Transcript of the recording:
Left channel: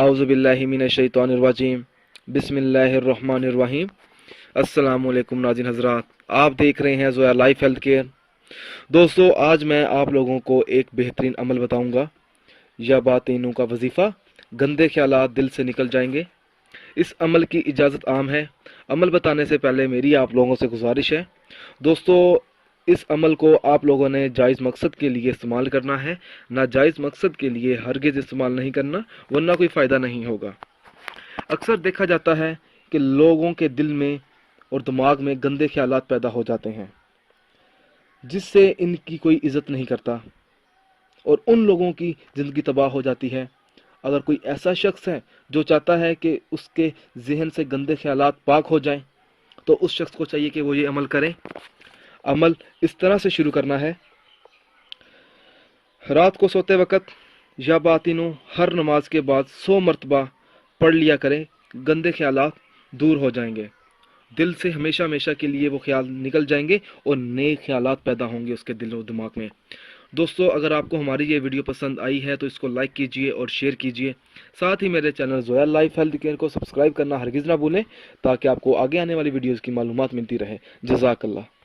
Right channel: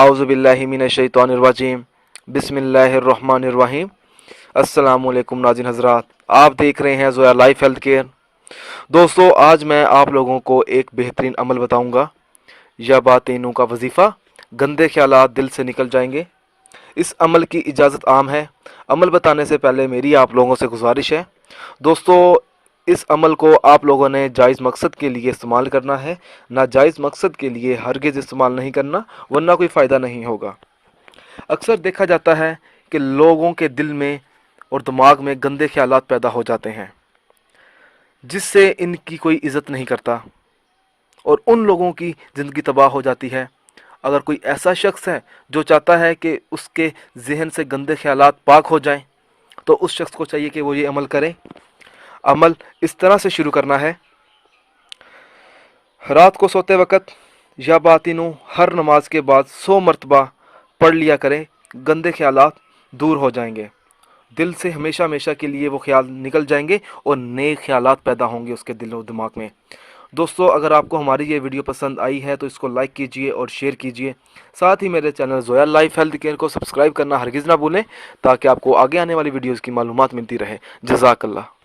आउज़ु बिल्लाहि मिनश शैतानिर रजीम बिस्मिल्लाहिर रहमानिर रहीम। अस्सलाम वालेकुम नाज़रीन हज़रात, आप देख रहे हैं ज़ोया लाइफ हेल्थ केयर। दोस्तों, आज मैं आप लोगों को एक बेहतरीन अमल बताऊंगा। यह बातीनों का वजीफ़ा, गंदे ख्यालात दिल से निकल जाएंगे। इस अमल की इजाज़त आम है। अमल बताने से पहले मेरी आप लोगों से गुजारिश है दोस्तों, इस अमल को आप लोगों ने जायज़ मकसद के लिए इस्तेमाल करना है, नाजायज़ मकसद के लिए हरगिज़ इस्तेमाल नहीं करना, वरना कोई फ़ायदा नहीं होगा। अक्सर देखा जाता है कि लोगों के दिल में और दिमाग में गंदे ख्यालात पैदा हो जाते हैं, जिससे इनकी कोई इज़्ज़त नहीं करता और उन लोगों की ज़िंदगी तबाह हो जाती है। अगर कोई ऐसा शख्स है जो चाहता है कि उसके जहन से गंदे ख्यालात पाक हो जाएं, तो उस शख्स को चाहिए कि वो ये अमल करे। अमल इस तरह से शुरू करना है। रात को सोते वक्त या बातिनों हर नमाज के बाद 100 मरतबा पढ़ लिया करें, गंदे ख्यालात दूर हो जाएंगे। दिल से हमेशा हमेशा के लिए वो ख्याल निकल जाएंगे और नए ख्यालात पैदा होंगे उसके दिल और दिमाग में। दोस्तों, अगर आपको हमारी ये वीडियो पसंद आई है तो इसको लाइक कीजिए और शेयर कीजिए। साथ ही मेरे channel Zoya life health care को सब्सक्राइब करना हरगिज़ ना भूलें, ताकि आपको आगे आने वाली वीडियोज़ की मालूमात मिलती रहे। जज़ाकल्लाह।